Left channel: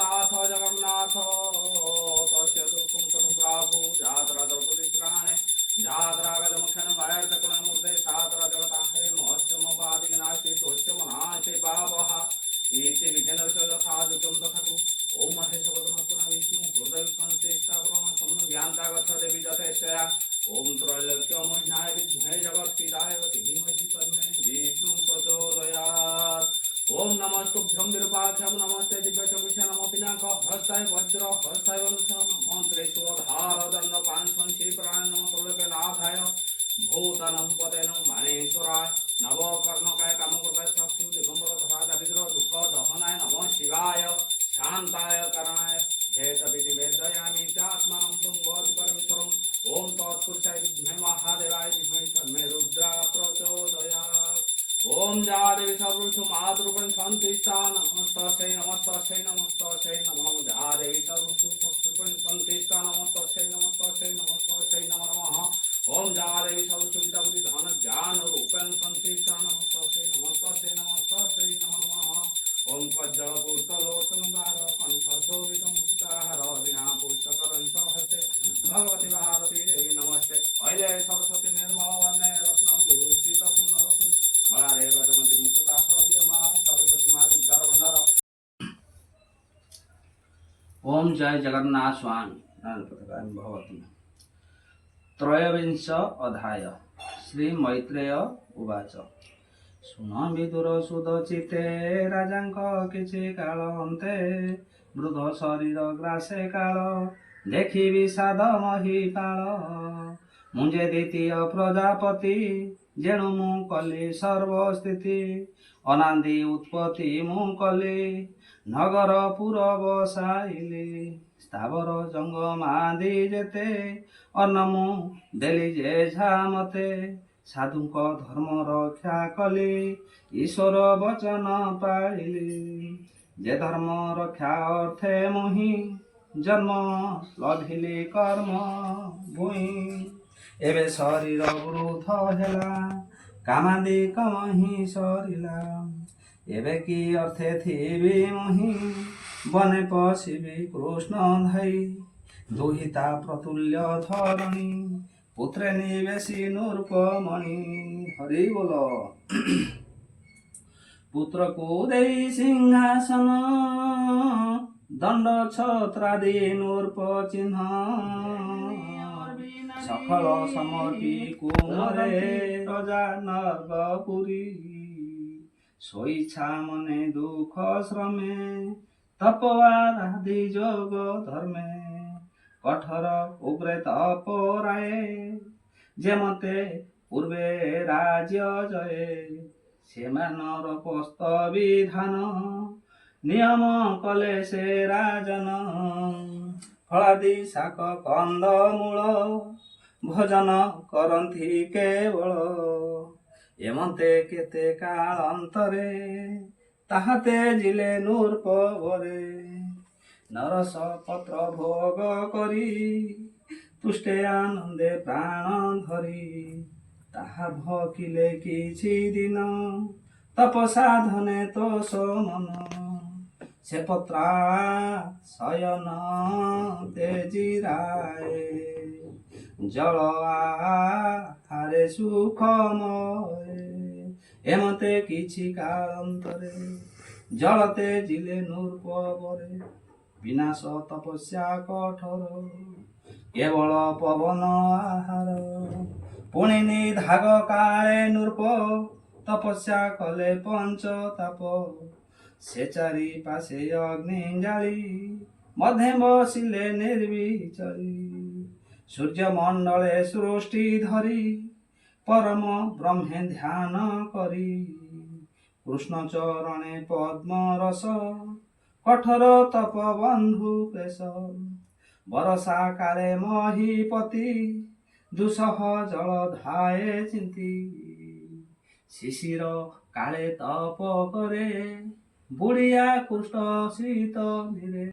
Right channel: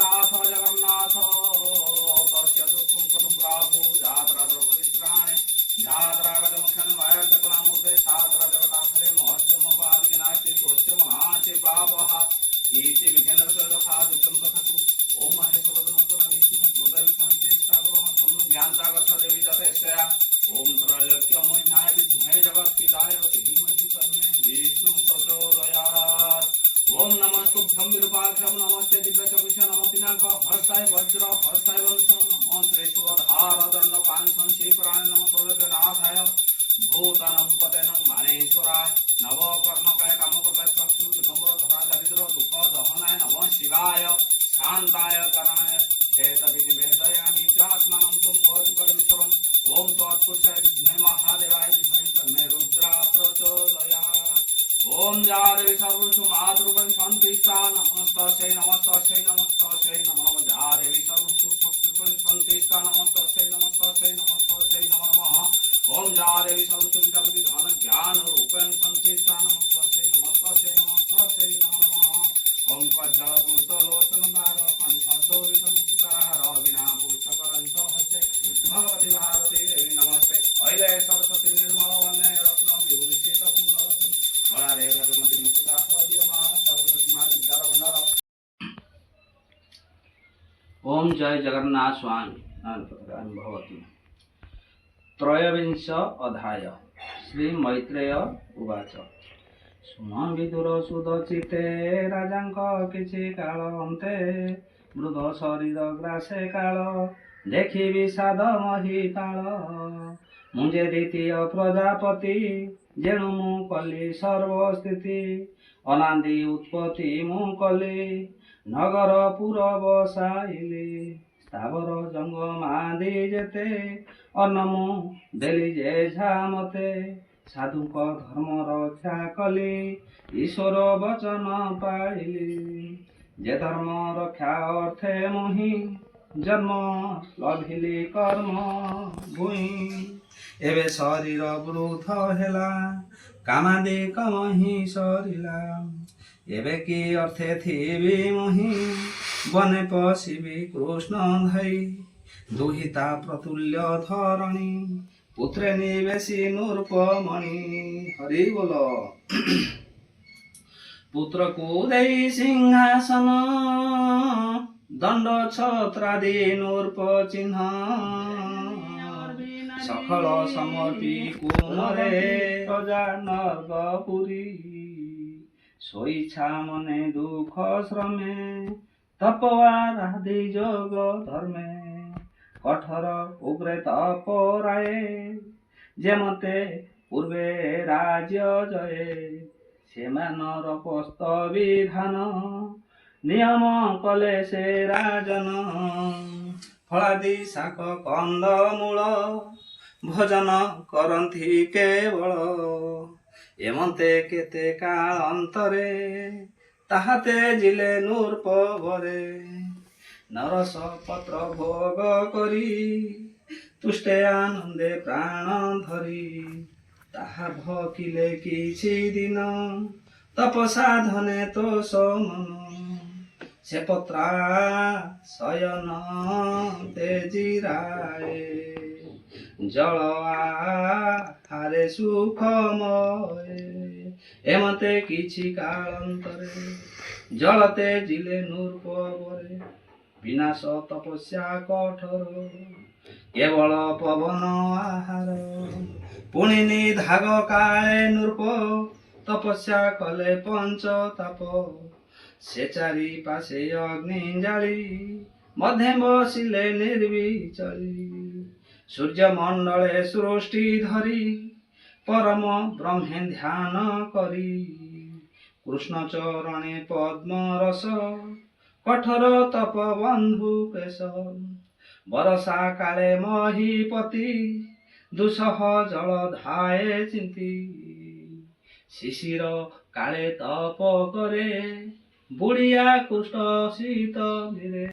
नाथ जगन्नाथ तस्य दुःखं कथं प्राभु जात्रा द्रौपदीत्राणे जात्रागतमुख्यन्मूर्ते सात्रा जगताहरे महोत्समपादिनास्ति स्वच्छमनाशे पापः इति विघ्नरसखादुचं तथाकु ओम महेशवदनत्वना विष्णु हृदयविष्णुचेष्टाकुर्वन् ज्ञानतागच्छ देवी जतेश्वया ओम त्रैलोक्यमोहिनाय विद्महे जगत्पिताय धीमहि तन्मे विष्णुः प्रचोदयात्। ओम नमस्तुभ्यं विरूपाक्षं नमस्ते दिव्यचक्षुषे नमो पिनाक हस्ताय वज्र हस्ताय वंशं मंत्रे सुरधार दंड पांचंशी प्राण नमो तुल्यनाथाय भूतनं पतेनं मानेश्वराय नवकर्णकाय कामकृताय चक्षु दिगंबर धरा दारिद्र दुख दहनाय नमः शिवाय शांताय करणाय हेतविधि वेदयामि चात्मानं तुम भवति परमेश्वरम् ओम तत्पुरुषाय विद्महे महादेवाय धीमहि तन्नो रुद्रः प्रचोदयात्। ओम जा देवी सर्वसु मातृपं संतिष्ठा नमस्तस्यै नमस्तस्यै नमस्तस्यै नमो नमः जा देवी सर्वसु शक्तिपं संतिष्ठा नमस्तस्यै नमस्तस्यै नमस्तस्यै नमो नमः ओम जा देवी सर्वसु विद्या बुद्धि धन ज्ञान रूपेण संतिष्ठा नमस्तस्यै नमस्तस्यै नमस्तस्यै नमो नमः ओम कज्जल पूर्तलोचन धार कंठ शोभित मुक्ताहार विना पुष्पकरंश हस्ते भगवती भारती देवी नमस्ते ऐले सरस्वती निर्मल वन्ने रत्न विभूषित पुण्यरत्न हरे गजमती मुकुटाह दिवमा सरस्वती मां विद्यार भंडार। ओम जय जगन्नाथ स्वामी भवती। त्रयोविंश अध्याय श्री मैत्रेय उवाच शुण विदुर सुदचिते राजांक किछि काल अन्ते वृद्ध शरीर ग्रासे काल देखि विषाद महिपाल मुंजे द्वितीय प्रजापति जेणु मु कली सर्वस्थिति अनादि उत्पत्ति मु कली नगर पुर बसाइली स्थावर जंगमादि जेते अन्न मु देली जे मते साधुक धर्म रक्षा कली ईश्वर वचन पाइली जे धर्म रक्षा अर्थे मुहि जन्म लभिली कर्म भूई एबे शरीर वृद्ध हेला कामादि कमहि सरिला एबे कि अर्थे थिबी मुहि बने पशिबी कृष्ण धाई दुहिता प्रतुल्य धरणी पुत्रे निवेशी नूर्पमणि हरि बोल पुत्र को देई सिंहासन दंड छत्रादि नूर्प चिन्ह सफल समर्पी कुमरे प्रजा नर्गपुरी सोइछा मने दुख श्रमे तपवारादि जोग धर्मे कठोर उग्रे तपराए जेमते पूर्वे राज्य जये सेमानर पोस्त विधान नियम कले से राजन फलादि शाक कंद मूल भोजन करंथि केवल एमते केते काल अंतरे ताहाते जिले नूर्पवरे नरस पत्र भोग करी तुष्टे आनंदे प्राण धरी ताहा भकिले किछि दिन तप साधने तो मन से पत्रा शयन तेजिराए जल आहारे सुखमय एमते किछि कालांतरे जलते जिले नूर्पवरे विनाश तपस्या कठोर केवल पवन आहार पुणी निधाग काले नूर्प तपस्या कले पंच ताप से चारि पाशे अग्नि जाली मध्य बसिले निर्विचली सूर्य मंडले सृष्टि धरी परम ब्रह्मे ध्यान करी କୃଷ୍ଣ ଚରଣେ ପଦ୍ମ ରସ କଠୋର ତପ ବନ୍ଧୁ ବେଶ ବରଷା କାଳେ ମହିପତି ଦୁଃସହ ଜଳ ଧାଏ ଚିନ୍ତି ଶିଶିର କାଳେ ତପ କରେ ବୁଢ଼ିଆ କୃଷ୍ଣ ଶୀତ ନିରେ